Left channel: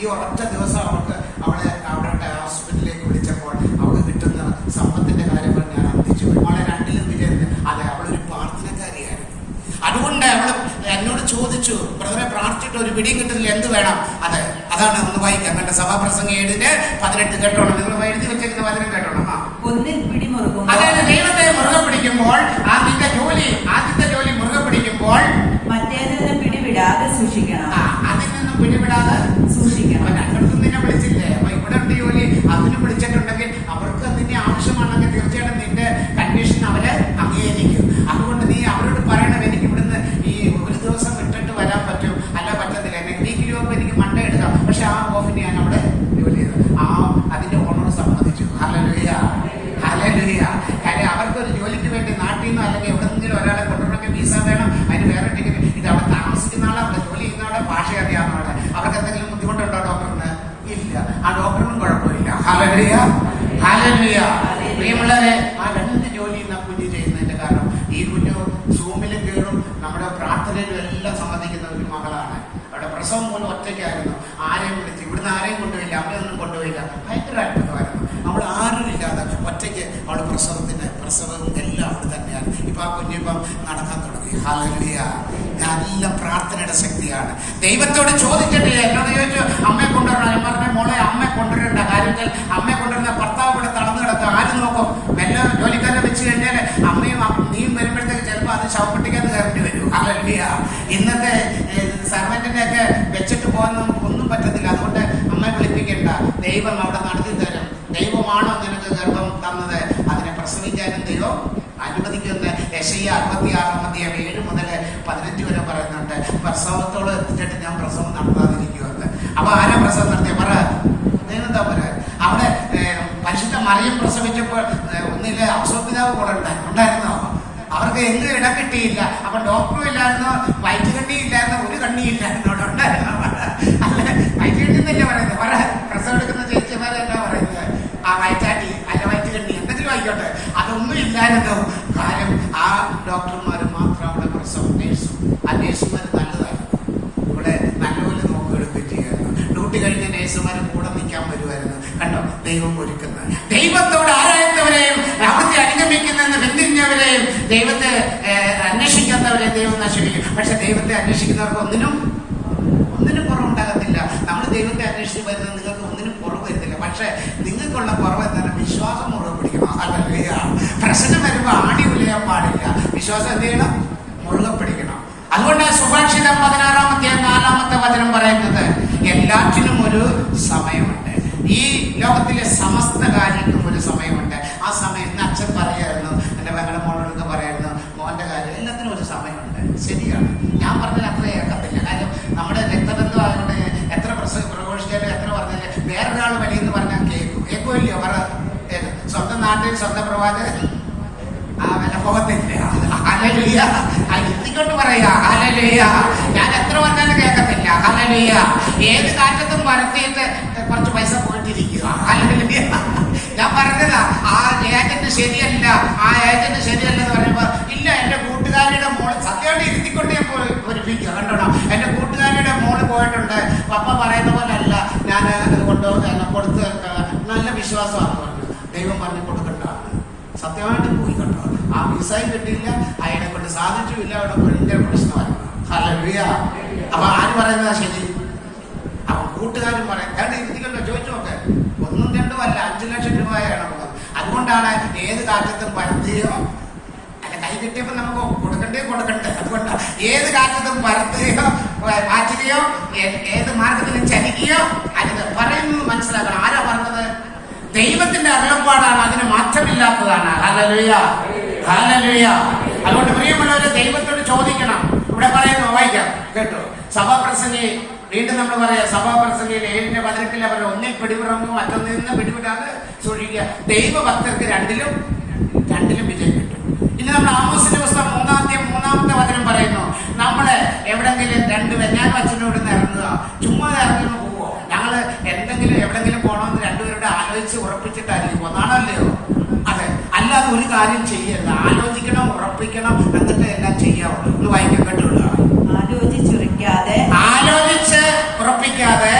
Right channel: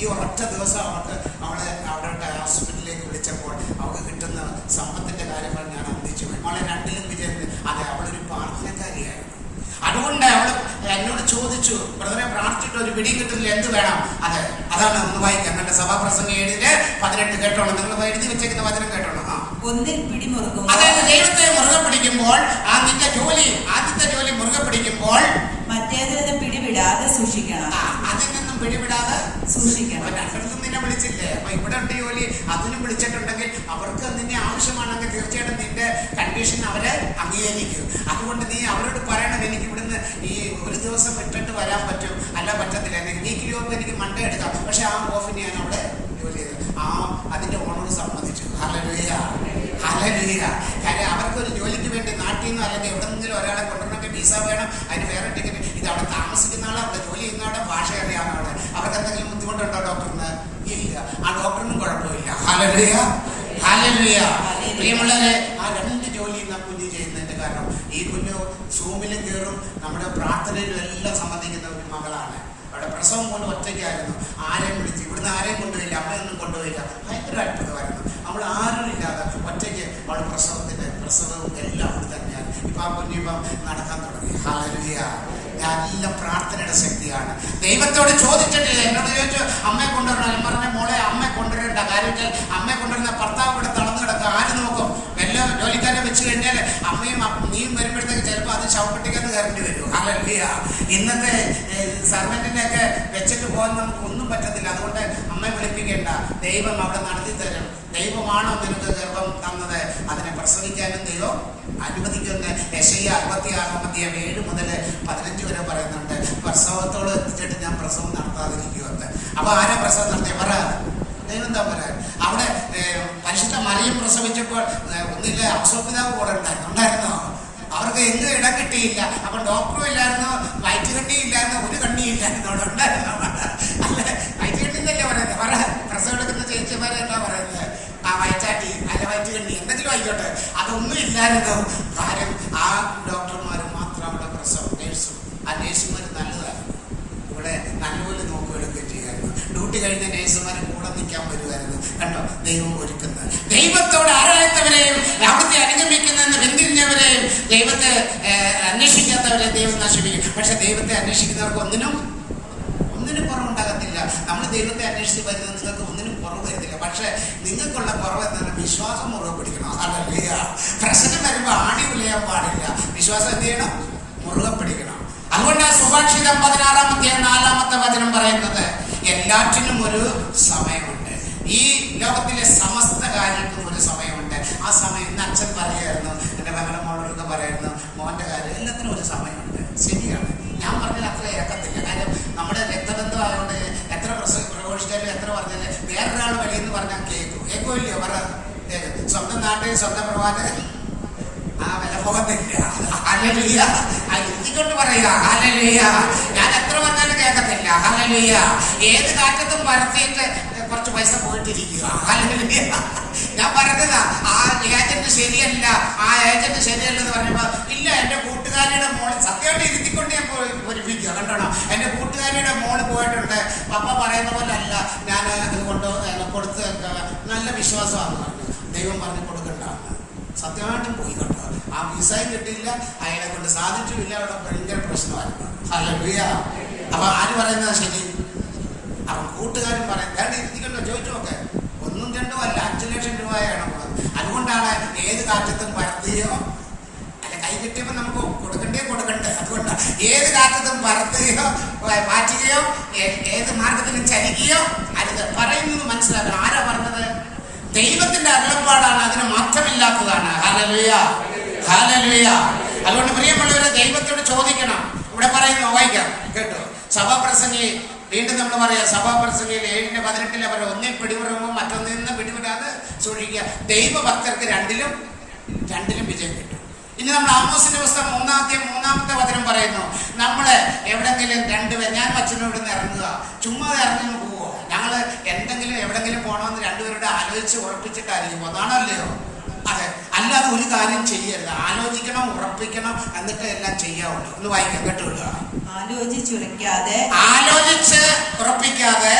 ഈ ഒരൊറ്റ ദിവസം അവളെ അവരുടെ ഹോസ്പിറ്റലിലേക്ക് വിളിച്ചപ്പോൾ അവൾക്ക് കിട്ടുന്ന സമ്പത്തിന്റെ കാര്യങ്ങൾ ഞാൻ അന്വേഷിച്ചു പോയി. അവളെ രണ്ടിലും വിജയം. അതെ, അവളൊരു പ്രാർത്ഥനക്കാരിയായിരുന്നു. അതുകൊണ്ട് അവൾ എന്നോട് ചോദിച്ചു, ബ്രദറെ പ്രാർത്ഥിച്ചിട്ട് ഒരു പിടി കിട്ടുന്നില്ല, എന്ത് വേണം? അതാണ് ഒന്ന് വായിക്കാം. എന്റെ സഭാപ്രസംഗം 7:18 കേട്ടോണം. നിങ്ങൾ എഴുതി വെച്ചേക്കുന്ന വചനം കേട്ടോണം. ഒന്നിൽ പിടിമുറുക്കും. അതായത് ദൈവത്തെ മുറുകെ പിടിക്കുമ്പോൾ, ആദ്യത്തെ ജോലി മുറുകെ പിടിക്കുമ്പോൾ മറ്റേതിൽ നിന്ന് പിടിവിടാതെ സൂക്ഷിക്കണം. അതിൽ നിന്നും പിടിവിടാതെ സൂക്ഷിക്കണം. രണ്ടിടത്തും നിന്നെ വിളിച്ചില്ലേ? അപ്പൊ ഇവിടെ ഉണ്ട് ജോലി, അതിനും വിളിച്ചിട്ടുണ്ടെങ്കിൽ അവർക്ക് നിന്നെ ആവശ്യമാണെങ്കിൽ തീർച്ചയായിട്ടും നിന്റെ കണ്ടീഷൻ അവരെ അംഗീകരിക്കും. അതുകൊണ്ട് നീ അവരോട് പറയണം, എനിക്ക് ഇവിടുന്ന് ഈ ഒരു ദിവസം വിട്ടിട്ട് വരാൻ പറ്റും, അല്ല പറ്റത്തില്ല, വീക്കിലി മുമ്പ് എനിക്ക് മണ്ടേ എടുക്കാം. പക്ഷെ ആ ഓഫിന് ഞാൻ അവിടെ ജോലി ചെയ്തു. അതിന്റെ ഓണർ സമ്മതിച്ചു. Hallelujah, hallelujah. കാര്യം അവർക്കൊരു ജോലിക്ക് വേണ്ടി നാട്ടിൽ നിന്നോ അല്ലെങ്കിൽ എവിടെന്നെങ്കിലും ഒരാളെ കൊണ്ടുവരണമെങ്കിൽ വിസ വേണം, അതിന് വേറെ ടിക്കറ്റ്. ഇത് അവിടെ താമസിക്കുന്ന ആളെ, അവിടെ ജോലി ചെയ്യുന്ന ആളെ, ഭാഷ അറിയാവുന്ന ആളെ. അവർക്ക് എന്തെങ്കിലും ബുദ്ധിമുട്ടുണ്ടോ ഡോക്ടറിന്? ഇല്ല. ആ ഡോക്ടറിനും കുഴപ്പമില്ല. Hallelujah, hallelujah. പ്രിയമുള്ളവരെ, ആ 2 ജോലി ഇന്ന് കുഞ്ഞ് ചെയ്യുന്നതിന്റെ കാരണം ഈ കുഞ്ഞ് സൂമിലും കയറും, നമ്മുടെ പ്രാർത്ഥനയിലും എല്ലാം സംബന്ധിക്കുന്ന ഒരു മകളാണ്. അവിടെ പ്രസവം പോലും ഒറ്റയ്ക്കായിരുന്നു. ആരെയും വിളിച്ച് ഇവിടുന്ന് ആരെയും കൊണ്ടുപോയില്ല, അമ്മയൊന്നും കൊണ്ടുപോയില്ല. ഭയങ്കര അത്ഭുതമായിരുന്നു. നമ്മൾ ആരും ഇല്ലാതെ ഒറ്റയ്ക്ക് അവൾ പ്രസവവും എല്ലാം അവിടെ തന്നെയാണ്. ഇപ്പൊ ആ കുഞ്ഞിപ്പം നടക്കാൻ തുടങ്ങി. ഹല്ലേലൂയ. എല്ലാം പ്രാർത്ഥനയുടെ ശക്തിയാണ്. ദൈവത്തോട് ചോദിച്ചിട്ട് എന്നോട് ചോദിച്ചു, അമ്മയെ കൊണ്ടുവരണം. ഞാൻ പറഞ്ഞ മോളെ, അമ്മയെ കൊണ്ടുവരേണ്ട. കാര്യത്തിൽ അമ്മയെ കൊണ്ടുവരുന്ന ഭർത്താവ് ഇവിടെ തളർന്നു കിടക്കുക, ആരും നോക്കും? വല്ല ജോലിക്കാരെ വെച്ച് കഴിഞ്ഞാൽ അമ്മയും നീയും വരുമ്പോഴത്തേക്ക് ചിലപ്പോൾ അത് ശവപ്പെട്ടിക്കകത്ത് കയറേണ്ടി വരും. ഹല്ലേലൂയ. ഇന്നത്തെ സർവന്റിനെയൊക്കെ വെച്ചിട്ട് പോകാൻ നമുക്കൊന്നും പറ്റത്തില്ല. അതുകൊണ്ട് അമ്മയെ വിളിപ്പിക്കേണ്ട. ദൈവം അവിടെ നടത്തി തരും. ദൈവമാണോ നിനക്ക് ഗർഭം തന്നത്? അതിനെ പ്രസവിക്കാനും ദൈവം അനുവദിക്കുന്ന. യെശയ്യാ 66:7 മുതൽ 15 വരെ പറയുന്നുണ്ട്, പ്രസവത്തോട് എത്തിച്ചിട്ട് ഞാൻ പ്രസവം നടത്താതിരിക്കുമെന്ന്. അപ്പൊ ആരാ പ്രസവം നടത്തിയ? പറ, ദൈവം എന്താ പറയാ? അവിടെ പരിശുദ്ധ മറിയം പ്രസവിച്ചപ്പോൾ ഒന്നില്ല അബ്സോർപിതാവ് കൂടെ ഉണ്ടായിരുന്നോ? അവർക്ക് എന്ത് ഇടം കിട്ടിയില്ല. അപ്പൊ ഡോക്ടറും ഇല്ലായിരുന്നോ, വയറ്റ് കണ്ണി ഇല്ലായിരുന്നോ, ഒരു കണ്ണി ഇല്ലായിരുന്നോ? അവിടെ ഉണ്ടായിരുന്നോ? അല്ല, വയറ്റ് കണ്ണി തന്നെ പറയുന്നത്. പറ, പ്രസവം എടുക്കുന്ന ചേച്ചിമാരെ എന്താ പറയുന്നത്? ആ വയറ്റാട്ടി അല്ല വയറ്റ് കണ്ണി എന്തെങ്കിലും ആയിക്കോട്ടെ, അതൊന്നും ഇല്ലായിരുന്നു. കാര്യം ആ ഡോക്ടർമാർ മാത്രം അവിടെ പ്രസവം, നേഴ്സും. ആ നേഴ്സുമാർ നല്ലതായിരുന്നു. ഇവിടെ നല്ലപോലെ നോക്കുകയെടുക്കുകയും ചെയ്യായിരുന്നു. ഡ്യൂട്ടി കഴിഞ്ഞ നേഴ്സുമാർ കൂടെ നിൽക്കാൻ വരുമായിരുന്നു. കണ്ടോ, ദൈവം ഒരുക്കുന്നത്. ദൈവത്തോട് ആരായത്തവരെയും അവിടുത്തെ അനുഗമിക്കുന്ന പിന്തിരിഞ്ഞവരെയും ദൈവത്തെ അന്വേഷിക്കാത്തവരെ ദൈവം നശിപ്പിക്കും. പക്ഷെ ദൈവത്തെ അന്വേഷിക്കുന്നവർക്ക് ഒന്നിനും കുറവുണ്ടാകത്തില്ല. നമ്മൾ ദൈവത്തെ അന്വേഷിച്ച് വരുന്നത് നിങ്ങൾക്ക് ഒന്നിനും കുറവ് വരുന്നില്ല. പക്ഷെ നിങ്ങൾക്കുള്ള കുറവ് എന്താണ്? വിശ്വാസം മുറുകെ പിടിക്കണം. ഹല്ലേലൂയ. പ്രശ്നം വരുമ്പോൾ ആടി ഉലയാൻ പാടില്ല. വിശ്വാസം എന്ത് ചെയ്യണം? മുറുകെ പിടിക്കണം. അതുകൊണ്ട് സുഭാഷിതം 16-4 വചനം പറയുന്നത്, എല്ലാറ്റിനും ഒരു സമയമുണ്ട്. ഈ ലോകത്തിലെ സമസ്ത കാര്യങ്ങൾക്കും ഒരു സമയമുണ്ട്. ആ സമയം ഇന്ന് അച്ഛൻ പറയായിരുന്നു, എന്റെ മകളുടെ മോളോടൊക്കെ പറയായിരുന്നു, മോന്റെ കാര്യം എല്ലാത്തിനും ഒരു സമയമുണ്ട്. ശരിയാണ്. ഞാൻ പറഞ്ഞത് അത്ര ഏക്കത്തില്ല. കാര്യം നമ്മുടെ രക്തബന്ധം ആയതുകൊണ്ട് എത്ര പ്രഘോഷിച്ചാലും എത്ര പറഞ്ഞാലും വേറൊരാൾ വഴിയെന്ന് പറഞ്ഞാൽ കേൾക്കുമല്ലോ. പറ, സ്വന്തം നാട്ടിൽ സ്വന്തം പ്രഭാത് ആ വില പോകത്തില്ല. ഹല്ലേലൂയ. ഇരുത്തിക്കൊണ്ട് പറയാ ഹല്ലേലൂയ. ഞാൻ എത്ര പറഞ്ഞാലും കേൾക്കത്തില്ല. ഹല്ലേലൂയ. ഏത് കാറ്റത്തും പരത്തിയിട്ട് കുറച്ച് പൈസ പോയിട്ടിരിക്കുക. ഹല്ലേലൂയ. ഞാൻ പറഞ്ഞതാ, ആ ഏജന്റ് ശരിയല്ല, ആ ഏജന്റ് ശരിയല്ലെന്ന് പറയുമ്പോ, ഇല്ല എന്റെ കൂട്ടുകാരിയുടെ മോള് സത്യമായിട്ട് ഇരുത്തിക്കൊണ്ട് ഞാൻ പൊരിപ്പിക്കുക. കണ്ടോണം, എന്റെ കൂട്ടുകാരിയുടെ മോള് പോയിട്ടുണ്ട്, പപ്പ പറയുന്ന പോലെ അല്ല, ഞാൻ അത് കൊടുത്ത് നല്ല വിശ്വാസമാണെന്ന് പറഞ്ഞു. ദൈവം പറഞ്ഞു കൊടുക്കണ്ടാണ്. സത്യമായിട്ടും പോയി. കണ്ടോ, ആ വിസയും കിട്ടിയില്ല, അയാളെ കൊണ്ട് സാധിച്ചുമില്ല. അവിടെ ഭയങ്കര പ്രശ്നമായിരുന്നു. ഹല്ലേലൂയ. അപ്പൊ ആര് പറയുന്നതാ ശരി? അപ്പൊ കൂട്ടുകാരൻ പറയാം, കാരണം ഇരുത്തിക്കല്ലോ, ചോദിച്ചു നോക്കെ. 1 2 അല്ല, 5 ലക്ഷം രൂപയാണ് ഉള്ളത്. അതുകൊണ്ടാണ് ഏത് കാറ്റത്തും പരത്തുകയോ അല്ല, കൈ കിട്ടിയപ്പോ നമുക്ക് കൊടുക്കണ്ടേ. അതുകൊണ്ടാണ് ഏത് കാറ്റത്തും പരത്തുകയോ മാറ്റുകയോ ഏത് മാർഗത്തിലും ചലിക്കുകയോ അരുത്. പറയുന്നത് മനസ്സിലാക്കണം. ആരാ പറഞ്ഞത്? ദൈവത്തിന്റെ അരുളപ്പാടാണ്, അതിന് മാറ്റമില്ലാത്തതാണ്. Hallelujah, hallelujah. അതുകൊണ്ട് പ്രിയമുള്ളവരെ, ദൈവത്തോട് ചോദിക്കണം. ഇവിടെ പറയുന്നു, വായിക്കാം കേട്ടോ. സഭാപ്രസംഗി വീണ്ടും നമ്മൾ പറയാം, സഭാപ്രസംഗി 7:18 അവർ ഒന്നിൽ പിടിവിടുമ്പോൾ മറ്റൊന്നിൽ നിന്ന് പിടിവിടാതെ സൂക്ഷിക്കുക. ദൈവഭക്തർക്ക് രണ്ടിലും വിജയം കിട്ടും. ഇനി നമ്മൾ ആമോസിന്റെ പുസ്തകം 3-ാമത്തെ വചനം പറയുന്നു, നമ്മള് എവിടെങ്കിലും ഞാൻ അച്ഛനോട് ഇറങ്ങുക, ചുമ്മാ ഇറങ്ങുന്നു പോവോ? ഞങ്ങള് എവിടെങ്കിലും പോകണമെന്ന് രണ്ടുപേരുടെ ആലോചിച്ച് ഉറപ്പിച്ചിട്ടായിരിക്കും. ഒന്നാണല്ലയോ? അതെ. അല്ലാതെ ഒരു കാര്യം ചെയ്യരുത്. ആലോചിക്കണം, ഉറപ്പിക്കണം, എന്നിട്ട് എല്ലാം ചെയ്യാവുള്ളൂ. ഒന്ന് വായിക്കാൻ കേട്ടുള്ളൂ. ആലോചിച്ച് ഉറപ്പിക്കാതെ